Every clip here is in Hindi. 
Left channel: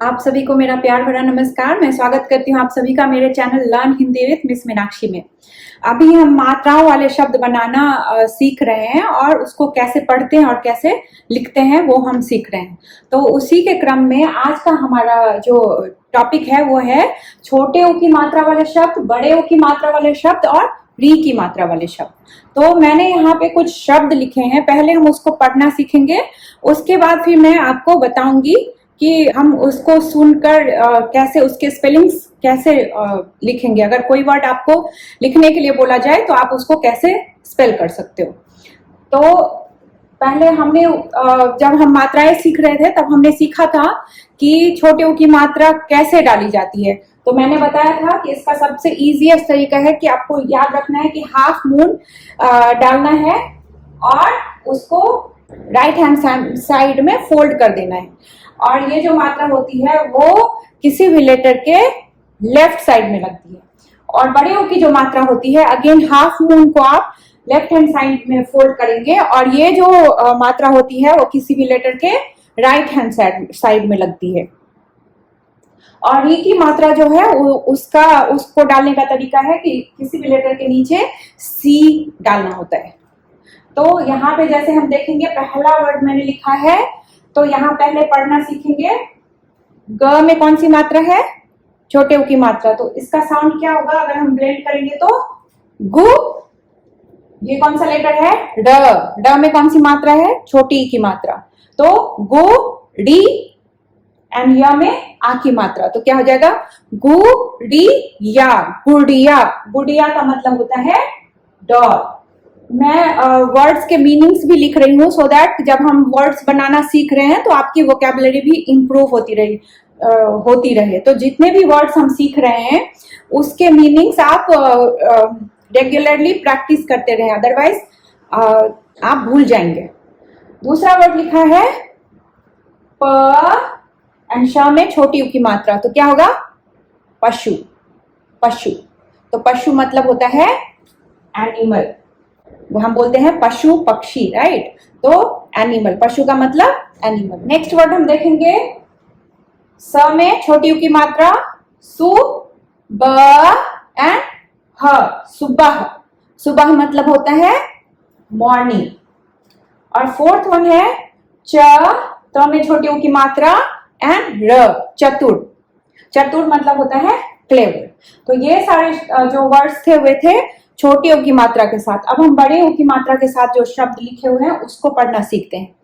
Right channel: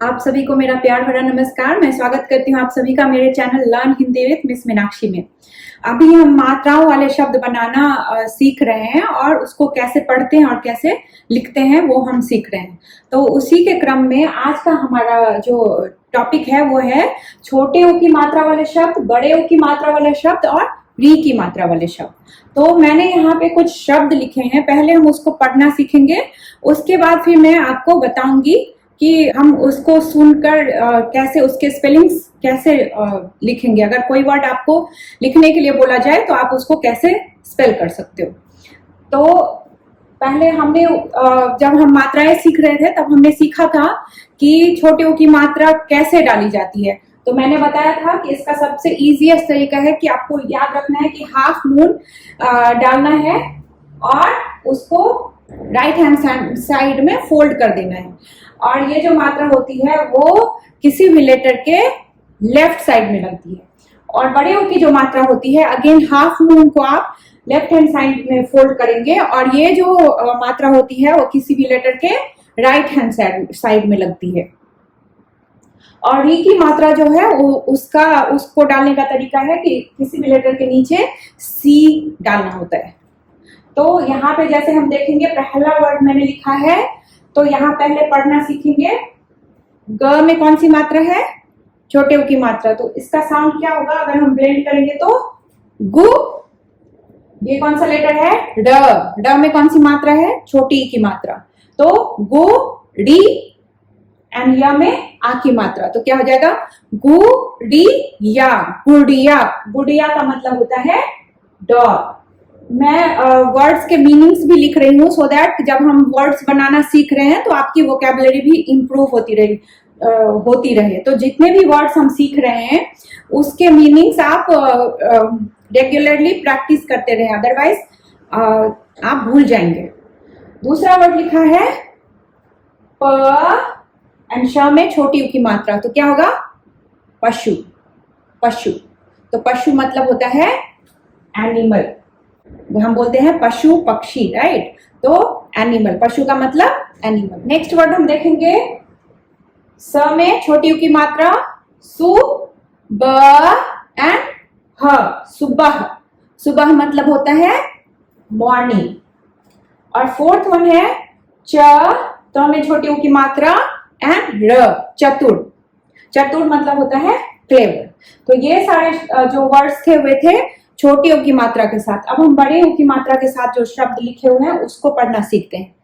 आप सभी को मेरा प्यार भरा नमस्कार। मैं स्वागत करती हूँ आप सभी का मेरे channel learn Hindi with miss Meenakshi में। अभी हम मात्राओं वाले शब्द बनाना सीख रहे हैं और उसको कैसे पढ़ते हैं और कैसे लिखते हैं वो हम सीख रहे हैं। तो उसी के क्रम में आज का हमारा जो टॉपिक है वो है छोटे ओ की मात्रा वाले शब्द, बड़े ओ की मात्रा वाले शब्द और री की मात्रा वाले शब्द। तो मैंने यहाँ पे कुछ शब्द लिखे हैं, पहले हम उसको पढ़ना सीखेंगे, उसके बाद फिर मैं आपको बताऊंगी कि हम उसको सुनकर कैसे उसके स्पेलिंग्स कैसे लिखेंगे। अगर कोई वर्ड आपको लिखने के लिए बोला जाए तो आप उसको कैसे स्पेल कर सकते हो। तो पहले हमने जब हम मात्राएं सीख रहे थे तब हमने सीखा था कि छोटे ओ की मात्रा कैसे डाली जाती है। तो मैंने बताया था कि इसका सबसे इजीएस्ट तरीका है कि आपको याद रखना है कि हाफ मून डालना है और उसको राइट हैंड साइड में फोल्ड कर देना है। और ये जो मात्रा होती है वो किसी भी लेटर के लेफ्ट साइड में लगती है। और बड़े ओ की जो मात्रा होती है अगेन हाफ मून को आप लेफ्ट हैंड साइड में फोल्ड करेंगे और ये जो मात्रा होती है वो किसी भी लेटर के राइट हैंड साइड में लगती है। और री की मात्रा जो है उसको डालने का तरीका है कि किसी भी लेटर के नीचे सी डालना होता है। तो यहाँ पे जैसे हम देखेंगे पहला वर्ड मैंने लिखा है, तो यहाँ पहले पढ़ना सीखेंगे। ग में कौन सी मात्रा है? छोटे उ की मात्रा। तो इसका साउंड क्या होगा अगर हम ब्लेंड करेंगे तो गु। ये कौन सा लेटर है? ड। ड में कौन सी मात्रा है? छोटी ई की मात्रा। तो गु डी एंड या में आ की मात्रा। तो क्या हो जाएगा? गु डी या, गुड़िया। गुड़िया का मतलब होता है डॉग। मैं वर्ड्स के मीनिंग्स भी लिख रही हूँ सो दैट जब हम वर्ड्स बनाना सीख रहे हैं तो आपकी वोकैबुलरी भी इंप्रूव होती रहे। तो जितने भी वर्ड्स हम सीख रहे हैं उसके मीनिंग्स आप रेगुलरली प्रैक्टिस करते रहे, अदरवाइज आप भूल जाएंगे। दूसरा वर्ड लिखा है प एंड श में छोटी उ की मात्रा। तो क्या होगा? पशु। पशु। तो पशु मतलब होता है एनिमल। वो हम बोलते हैं पशु पक्षी, राइट? तो एनिमल, पशु का मतलब एनिमल। नेक्स्ट वर्ड हम देखेंगे स में छोटी उ की मात्रा सु ब एंड ह, सुबह। सुबह मतलब होता है मॉर्निंग। और फोर्थ वन है च में छोटी उ की मात्रा एंड र, चतुर। चतुर मतलब होता है क्लेवर। तो ये सारे जो वर्ड्स थे वे थे छोटी ओ की मात्रा के साथ। अब हम बड़े ओ की मात्रा के साथ जो शब्द लिखे हुए हैं उसको पढ़ना सीखते हैं।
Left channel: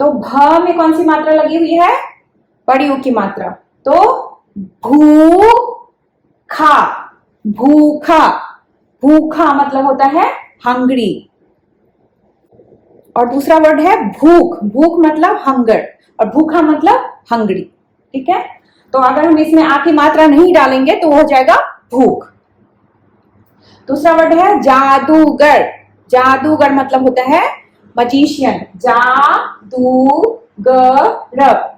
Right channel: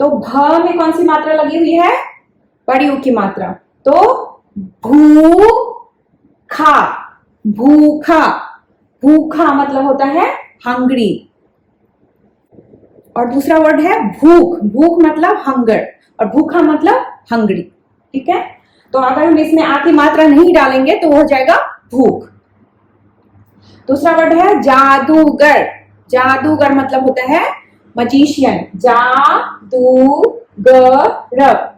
तो भ में कौन सी मात्रा लगी हुई है? बड़ी ओ की मात्रा। तो भू खा, भूखा। भूखा मतलब होता है हंग्री। और दूसरा वर्ड है भूख। भूख मतलब हंगर और भूखा मतलब हंग्री, ठीक है? तो अगर हम इसमें आ की मात्रा नहीं डालेंगे तो हो जाएगा भूख। दूसरा वर्ड है जादूगर। जादूगर मतलब होता है मजिशियन। जादूगर,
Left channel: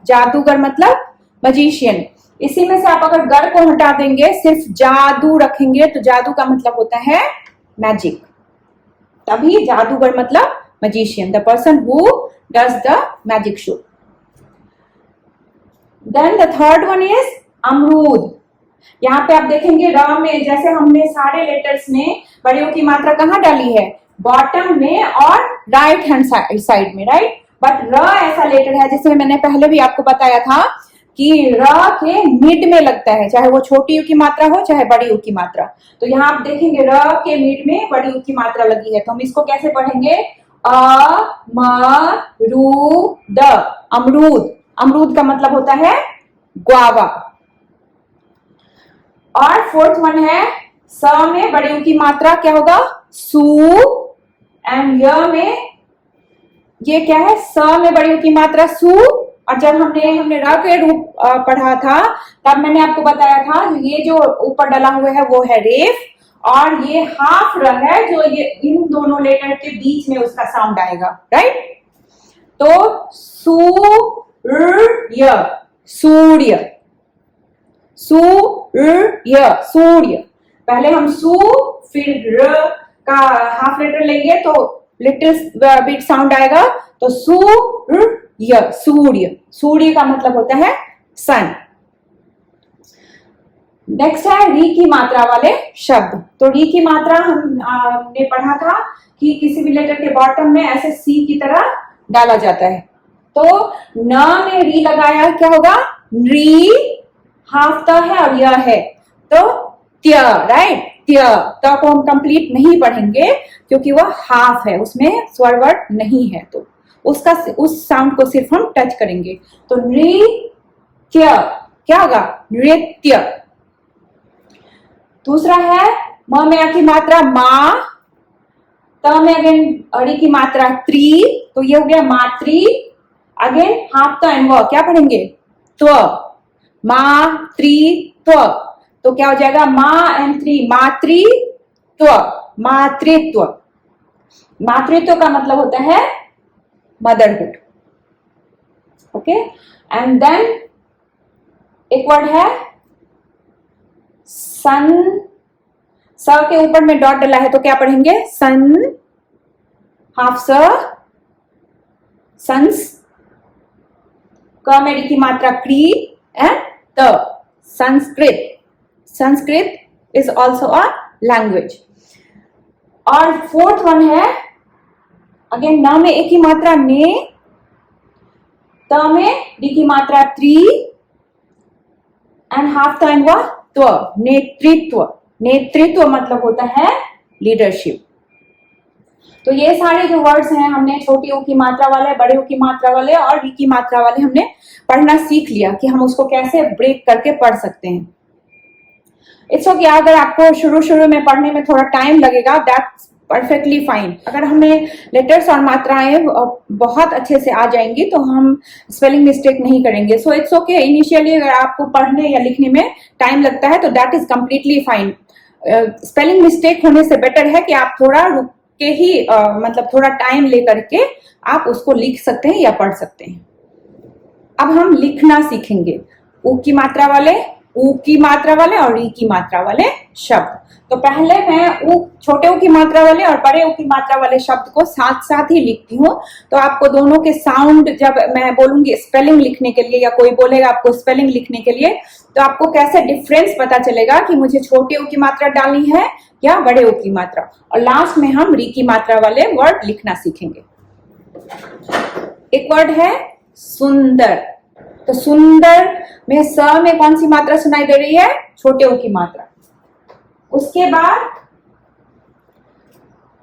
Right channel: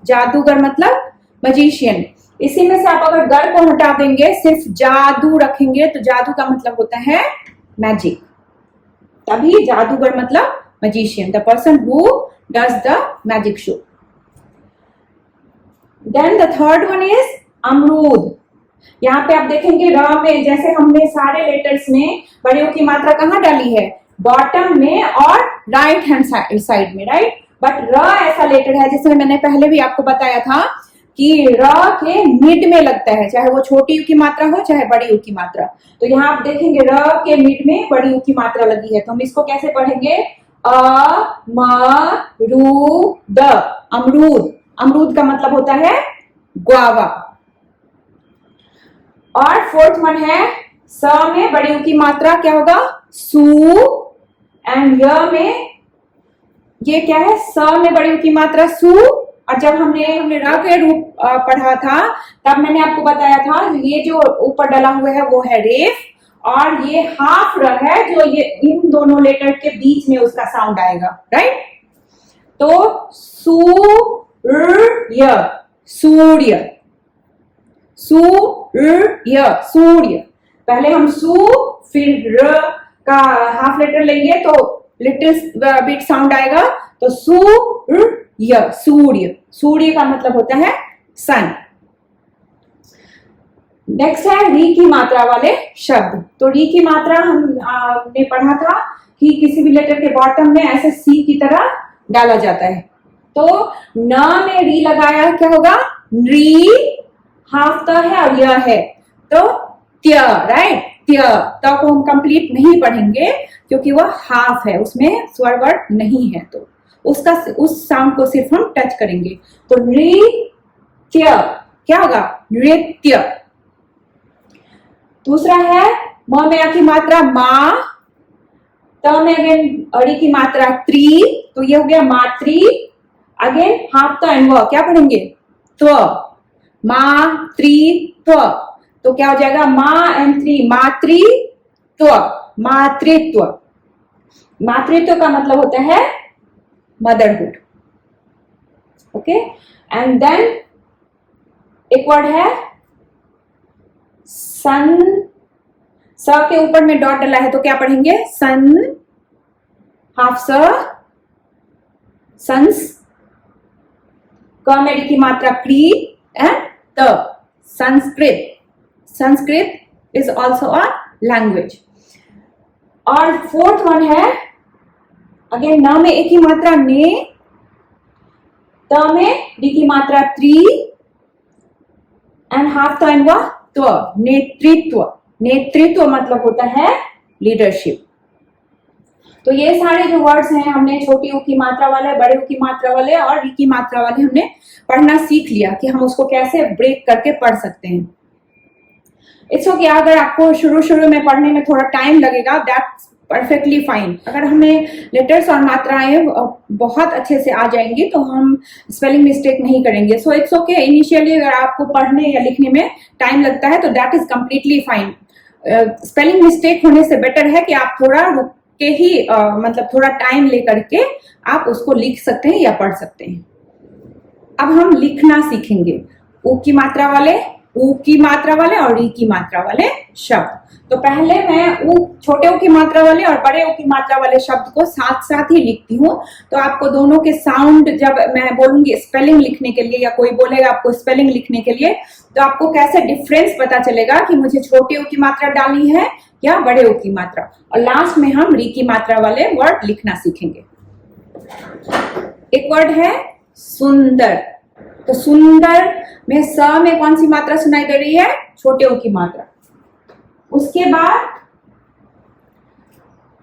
जादूगर मतलब मजिशियन। इसी में से आप अगर गर को हटा देंगे, सिर्फ जादू रखेंगे तो जादू का मतलब होता है मैजिक। तभी जादूगर मतलब magician, the person who does the magic show. Then the third one is amrood. यहाँ पे आप देखेंगे र में जैसे हमने सारे लेटर्स में बड़ी ओ की मात्रा कहाँ डाली है? बॉटम में और राइट हैंड साइड में, राइट? बट र ऐसा लेटर है जिसमें मैंने पहले भी आपको बताया था कि र के मिड में लगता है, चाहे वो छोटी उ की मात्रा हो चाहे बड़ी उ की मात्रा। तो यहाँ आप देखेंगे र के मिड में बड़ी उ की मात्रा लगी है। तो हम इसको कैसे पढ़ेंगे? अ म रू द, अमरूद। अमरूद का मतलब होता है ग्वावा। और फोर्थ वन है स में बड़ी उ की मात्रा क्या होगा? सू एंड य में ये क्या है? स में बड़ी उ की मात्रा सू। और जब हमने र के रूप पढ़ा था तब मैंने आपको बताया था ये जो ऊपर डला हुआ है वो है रेफ और ये हाफ र है जो ये इन दोनों लेटर के बीच में उसका साउंड आएगा, राइट? तो सूर्य, सूर्य। सूर्य, सूर्य। पहले हम सू फिर र का हाफ लेटर लेंगे तो लिटिल बिट साउंड आएगा। तो सूर्य, सूर्य। सूर्य का मतलब होता है सन। नेक्स्ट है री की मात्रा वाले शब्द। तो री की मात्रा हमने पढ़ा था कि किसी भी लेटर के बॉटम में ऐसे सी की तरह डाला जाता है। तो न में री लगाया क्या होगा, री, हाफ त है और य है तो त्य, राइट, त्य। त को हम कंप्लीट नहीं पढ़ेंगे क्योंकि वह हाफ है, उसमें स्वर वर्ड नहीं है, तो उसका उस साउंड को सिर्फ हम टच करेंगे। तो नृत्य क्या होगा, नृत्य। दूसरा है म में अ की मात्रा मा, त में अगेन अड़ी की मात्रा त्री, तो ये हो गया मात्री। अगेन हाफ त एंड व क्या पढ़ेंगे, त्व, मातृत्व। तो क्या हो जाएगा, मा एंड त्री, मातृत्व, मातृत्व। मातृत्व का मतलब होता है मदरहुड। ओके, एंड देन एक वर्ड है सन। स के ऊपर में डॉट डला है तो क्या पढ़ेंगे, सन, हाफ स, सन्स। क में डी की मात्रा क्री एंड त, Sanskrit. Sanskrit is also a language. और फोर्थ वन है अगेन न में एक ही मात्रा ने, त में डी की मात्रा त्री एंड हाफ त एंड व त्व, नेतृत्व। नेतृत्व मतलब होता है लीडरशिप। तो ये सारे जो वर्ड्स हैं हमने छोटी ऊ की मात्रा वाले, बड़े ऊ की मात्रा वाले और री की मात्रा वाले हमने पढ़ना सीख लिया कि हम उसको कैसे ब्रेक करके पढ़ सकते हैं। इट्स ओके, अगर आपको शुरू में पढ़ने में थोड़ा टाइम लगेगा, दैट्स परफेक्टली फाइन। अगर हमें लेटर्स और मात्राएं बहुत अच्छे से आ जाएंगी तो हम स्पेलिंग मिस्टेक नहीं करेंगे। सो इट्स ओके, इनिशियली अगर आपको पढ़ने या लिखने में टाइम लगता है तो that is completely fine. Spelling mistake होने से बेटर है कि आप थोड़ा रुक के ही मतलब थोड़ा टाइम लेकर के आप उसको लिख सकते हैं या पढ़ सकते हैं। अब हम लिखना सीखेंगे ऊ की मात्रा वाले, ऊ की मात्रा वाले और री की मात्रा वाले शब्द। तो पहले मैं ऊ, छोटे ऊ की मात्रा वाले और बड़े ऊ की मात्रा वाले शब्द को साथ साथ ही लिखती हूँ। तो आपको दोनों के साउंड जब मैं बोलूंगी स्पेलिंग लिखने के लिए या कोई बोलेगा आपको स्पेलिंग लिखने के लिए, तो आपको कैसे डिफरेंस पता चलेगा कि मुझे छोटे ऊ की मात्रा डालनी है या बड़े ऊ की मात्रा। और लास्ट में हम री की मात्रा वाले वर्ड लिखना सीखेंगे। एक वर्ड है सुंदर। तो सुंदर में स में कौन सी मात्रा सुनाई दे रही है, छोटे ऊ की मात्रा। उसके बाद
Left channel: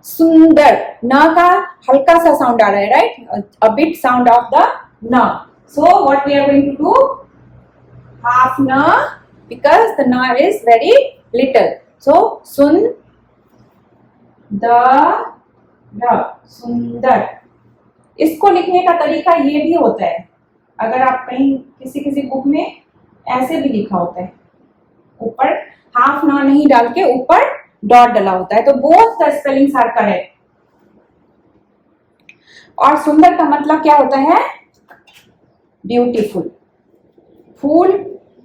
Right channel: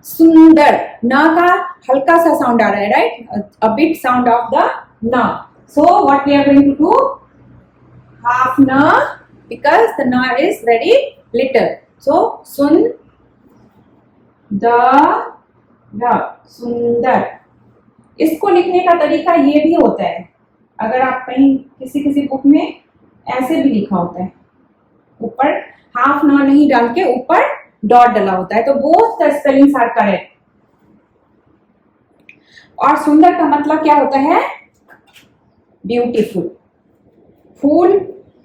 सुंदर, न का हल्का सा साउंड आ रहा है, right, a bit sound of the न। So what we are going to do, half न, बिकॉज द न इज वेरी लिटिल। सो सुन द, सुंदर। इसको लिखने का तरीका ये भी होता है, अगर आप कहीं किसी बुक में ऐसे भी लिखा होता है, ऊपर हाफ न नहीं डाल के ऊपर डॉट डला होता है, तो both the spellings are correct. और सुंदर का मतलब क्या होता है, ब्यूटीफुल। फूल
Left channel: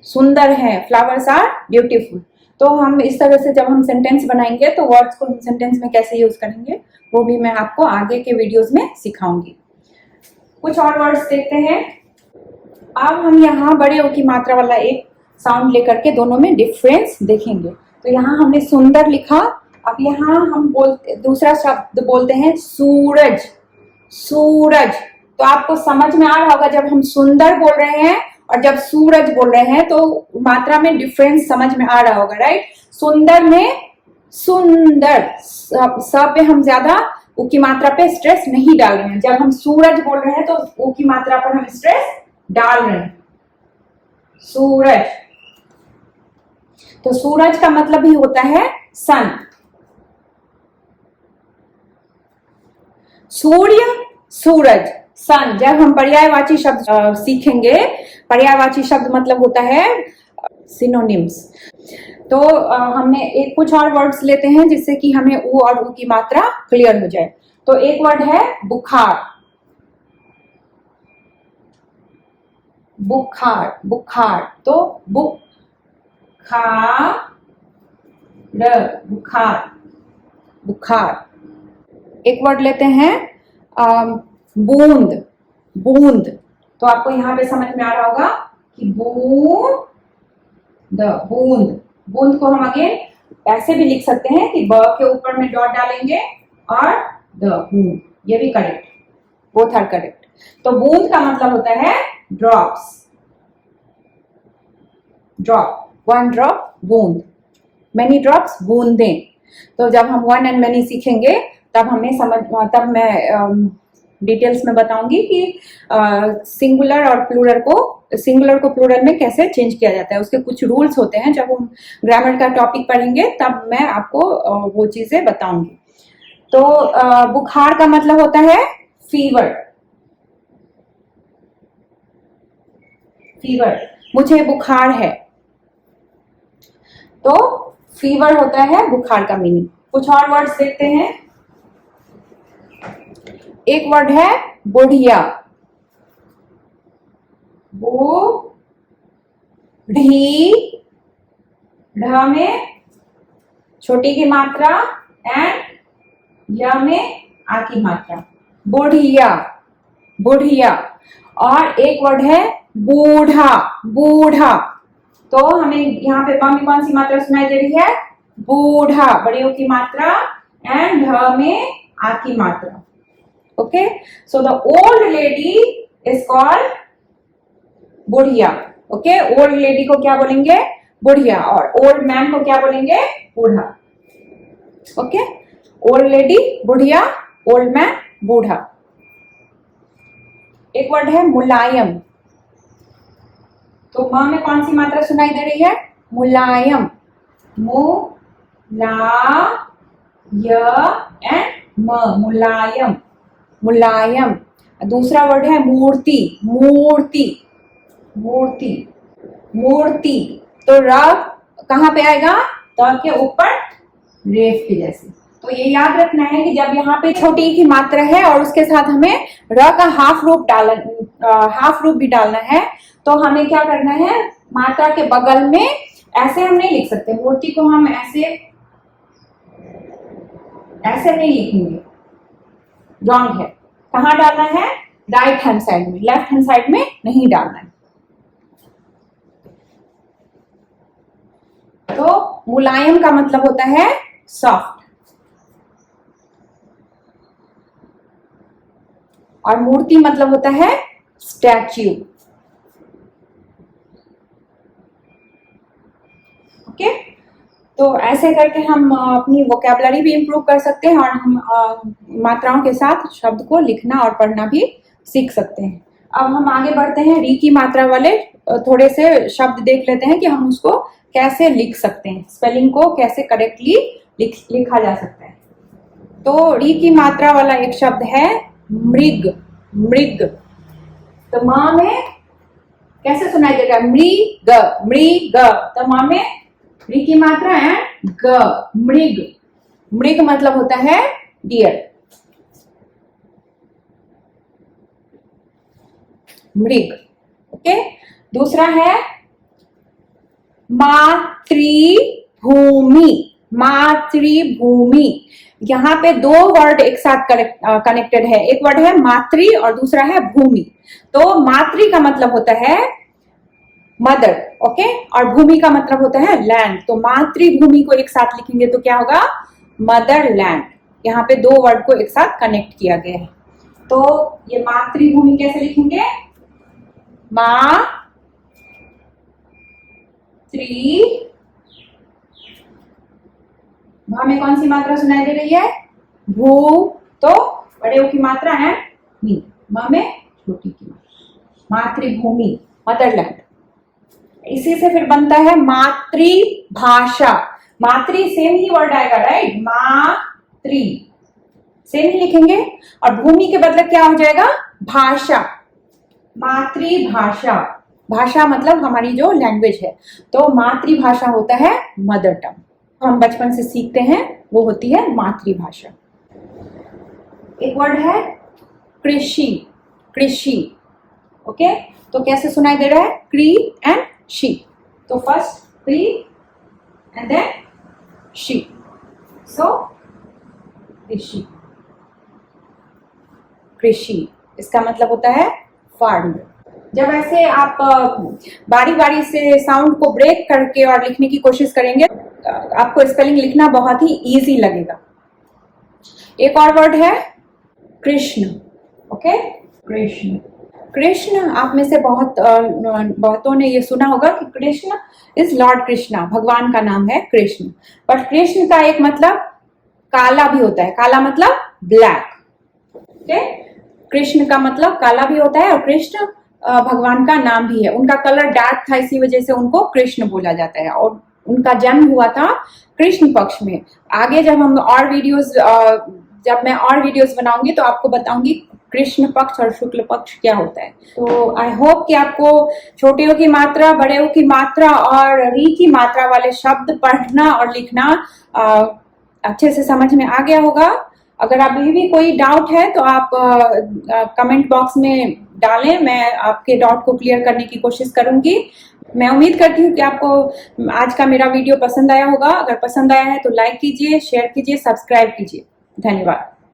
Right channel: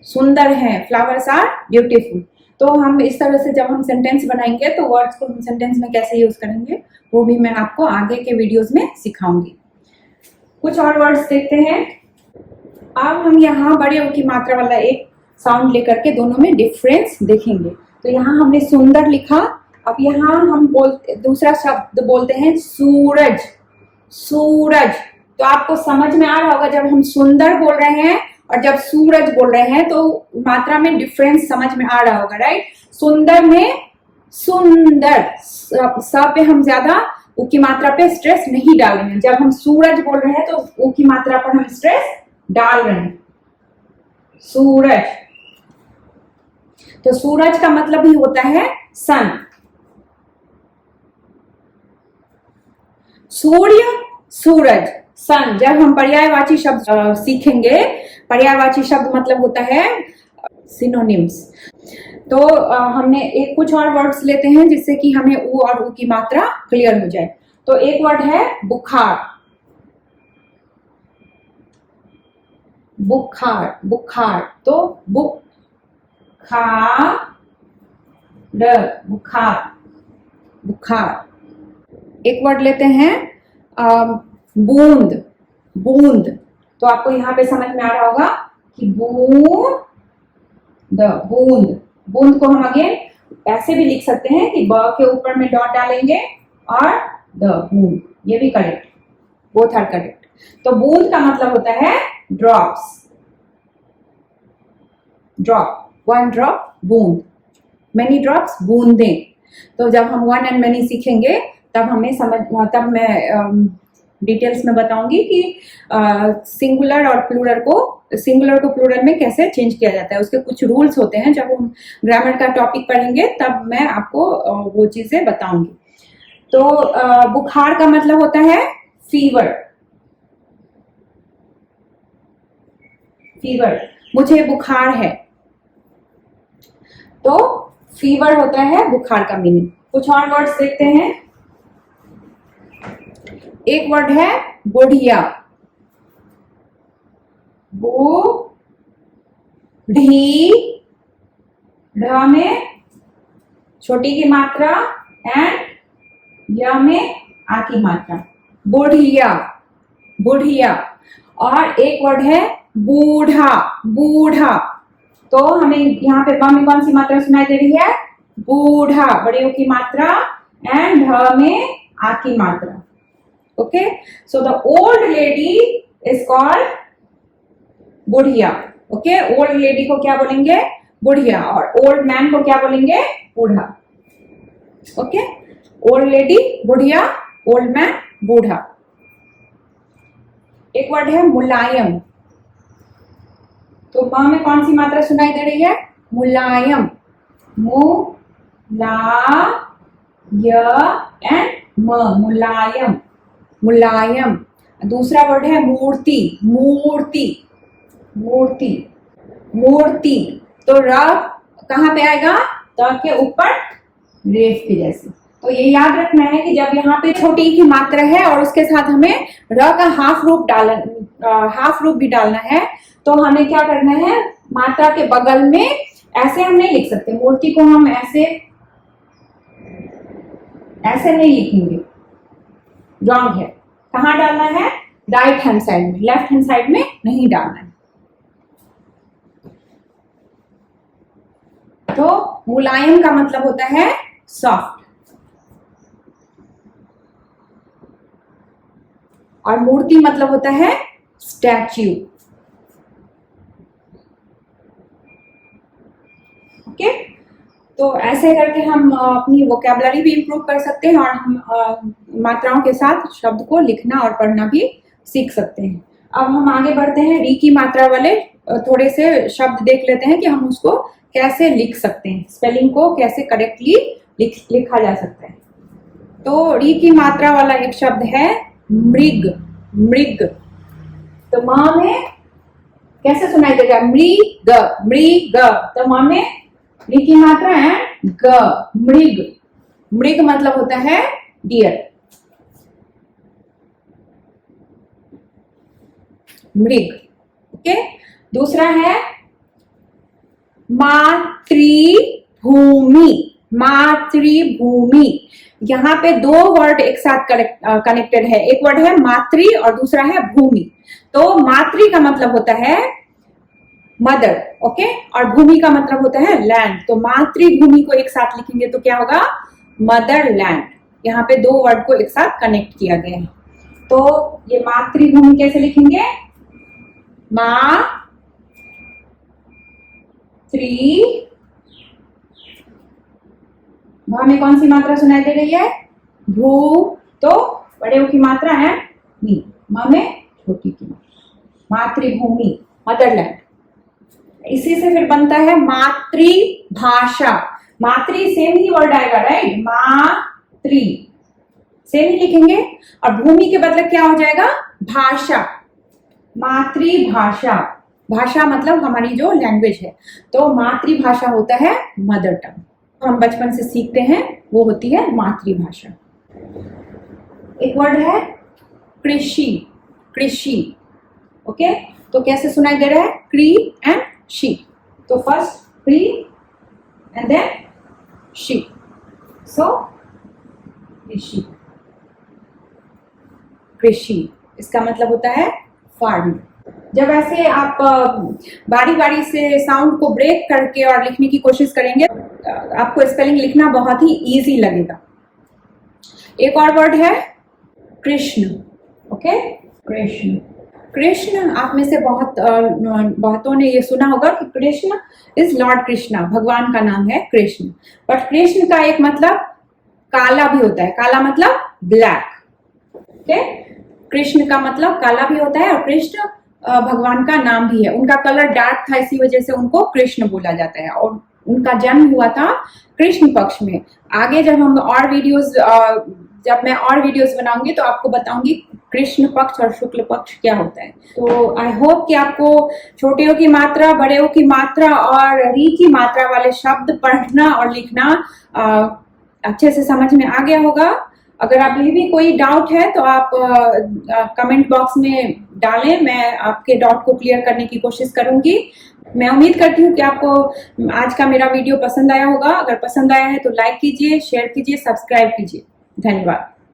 सुंदर है, फ्लावर्स आर ब्यूटीफुल। तो हम इस तरह से जब हम सेंटेंस बनाएंगे तो वर्ड्स को हम सेंटेंस में कैसे यूज करेंगे वो भी मैं आपको आगे के वीडियोस में सिखाऊंगी। कुछ और वर्ड्स देखते हैं। अब हम यहाँ बड़े ओ की मात्रा वाला एक साउंड लेकर के दोनों में डिफरेंस देखेंगे। तो यहाँ हमने सुंदर लिखा, अब यहाँ हम दूसरा शब्द बोलते हैं सूरज। सूरज, तो आपको समझ में आ रहा होगा जब हम सुंदर बोल रहे हैं और जब सूरज बोल रहे हैं तो मात्रा में डिफरेंस समझ में आ रहा होगा, राइट। सुंदर में सुंदर स पे हम ज्यादा ऊ की मात्रा पे स्ट्रेस नहीं डाल रहे हैं, जब हम सूरज बोल रहे हैं तो ऊ की मात्रा पर हम स्ट्रेस डाल रहे हैं। सूरज, तो सूरज का मतलब ही होता है सन। सूर्य, सूरज, सन। जब हम पर्यायवाची शब्द सीखेंगे, पर्यायवाची शब्द मतलब होता है सिनोनिम्स। तो हमने एक कुछ और वर्ड्स लेते हैं जिससे कि हमें ऊ और ऊ की मात्रा क्लियर हो जाए। तो एक वर्ड है बुखार। बुखार, बुखार, तो बुखार, बुखार, बुखार। एक वर्ड लेते हैं बूंद। बूंद, तो आपको यहाँ पे समझ में आ रहा होगा कि बूंद, बूंद। बूंद को हम अगेन ऐसे भी लिख सकते हैं कि ब के ऊपर में डॉट डालेंगे और द, बूंद। ये भी करेक्ट, बोथ आर करेक्ट। तो बूंद का मतलब होता है ड्रॉप्स, ड्रॉप, वन ड्रॉप, बूंद। मेनी ड्रॉप्स, बूंदें। तो जब हम वन एंड मेनी सीखेंगे तब मैं डिटेल्स में बताऊंगी कि सिंगुलर और प्लूरल को, सिंगुलर को प्लूरल में कैसे चेंज किया जाता है। उसके कुछ रूल्स होते हैं, जब हम ग्रामर का टॉपिक पढ़ेंगे तब मैं आपको वो चीजें बताऊंगी। तो बुखार का मतलब होता है फीवर, फीवर। मुझे बुखार है, तो फीवर होता है बुखार का मीनिंग। कुछ और वर्ड्स देखते हैं। एक वर्ड है बुढ़िया, बूढ़ी, ढ में छोटी की मात्रा एंड य में आ की मात्रा, बुढ़िया, बुढ़िया। और एक वर्ड है बूढ़ा, बूढ़ा। तो हमें यहाँ पे ब में कौन सी मात्रा सुनाई दे रही है? बूढ़ा, बड़े ओ की मात्रा एंड ढ में आ की मात्रा। Okay, so the old lady is called बुढ़िया। ओके, ओल्ड लेडी को क्या बोलेंगे? बुढ़िया। और ओल्ड मैन को क्या बोलेंगे? बूढ़ा। ओके, ओल्ड लेडी बुढ़िया, ओल्ड मैन बूढ़ा। एक वर्ड है मुलायम। तो म में कौन सी मात्रा सुनाई दे रही है? मुलायम, मु ला य एंड म, मुलायम, मुलायम। दूसरा वर्ड है मूर्ति, मूर्ति, मूर्ति, मूर्ति। तो र कहां पे आएगा? त के ऊपर रेफ के जैसे। तो ये याद रखना है कि जब यहाँ पे छोटी की मात्रा है और उसके साथ हमें र का हाफ रूप भी डालना है, तो हमें क्या करना है? मात्रा के बगल में ऐसे हम नहीं लिख सकते। मूर्ति को हम ऐसे नहीं लिखेंगे, रॉन्ग है। कहाँ डालना है? राइट हैंड साइड में, लेफ्ट हैंड साइड में नहीं डालना है। तो मुलायम का मतलब होता है सॉफ्ट, और मूर्ति मतलब होता है स्टैच्यू। ओके, तो ऐसे करके हम अपनी वोकैबुलरी भी इंप्रूव कर सकते हैं और हम मात्राओं के साथ शब्द को लिखना और पढ़ना भी सीख सकते हैं। अब हम आगे बढ़ते हैं, री की मात्रा वाले थोड़े से शब्द देख लेते हैं कि हम उसको कैसे लिख सकते हैं, स्पेलिंग को कैसे करेक्टली लिखा जा सकता है। तो री की मात्रा वाला एक शब्द है मृग, मृग। तो माँ में कैसे सुनाई देगा? मृग, मृग। तो माँ में री की मात्रा है ग, मृग। मृग मतलब होता है डियर, मृग। ओके, दूसरा है मातृभूमि, मातृभूमि। यहाँ पे दो वर्ड एक साथ कनेक्टेड है। एक वर्ड है मातृ और दूसरा है भूमि। तो मातृ का मतलब होता है मदर, ओके, और भूमि का मतलब होता है लैंड। तो मातृभूमि को एक साथ लिखेंगे तो क्या होगा? Mother land. यहाँ पे दो वर्ड को एक साथ कनेक्ट किया गया है। तो ये मातृभूमि कैसे लिखेंगे? भा में कौन सी मात्रा सुनाई दे रही है? भू, तो बड़े की मात्रा है मी, म में छोटी की मात्रा, मातृभूमि, मदरलैंड। इसी से फिर बनता है मातृभाषा। मातृ सेम ही वर्ड आएगा, राइट? मातृ सेम ही लिखेंगे और भूमि के बदले क्या हो जाएगा? भाषा, मातृभाषा। भाषा मतलब हमारी जो लैंग्वेज है। तो मातृभाषा होता है मदर टंग, हम बचपन से सीखते हैं, वो होती है मातृभाषा। एक वर्ड है कृषि, कृषि। ओके, तो कैसे सुनाई दे रहा है? क्री एंड शी। तो फर्स्ट क्री एंड देन शी, सो कृषि, कृषि। इसका मतलब होता है फार्म। जब ऐसे आप बारी बारी से साउंड को ब्रेक करके और लिखने की कोशिश करेंगे, आपको स्पेलिंग लिखना बहुत ही इजी लगेगा। एक और वर्ड है कृष्ण। ओके, कृष्ण। कृष्ण, आप में से बहुतों ने ये सुना होगा कि कृष्ण इज लॉर्ड कृष्णा, भगवान का नाम है कृष्ण। बट कृष्ण का एक मतलब काला भी होता है, काला मतलब ब्लैक। ओके, कृष्ण का मतलब काला भी होता है और कृष्ण भगवान का नाम भी है। उनका कलर डार्क था, इसी वजह से उनको कृष्ण बोला जाता है। और उनका जन्म हुआ था कृष्ण पक्ष में। आगे जब मैं और वीडियोस बनाऊंगी तो आपको बताऊंगी कृष्ण पक्ष और शुक्ल पक्ष क्या होता है। तो आई होप कि आपको छोटे की मात्रा, बड़े की मात्रा और री की मात्रा वाले शब्द पढ़ना और लिखना अच्छे से समझ में आ गया होगा। अगर आप भी कोई डाउट है तो आप कमेंट बॉक्स में डालें, मैं आपके डाउट को क्लियर करने की कोशिश करूंगी। मैं उम्मीद करती हूँ कि आपको आज का मेरा वीडियो पसंद आया होगा। अगर पसंद आया है तो लाइक कीजिए, शेयर कीजिए, सब्सक्राइब कीजिए। धन्यवाद।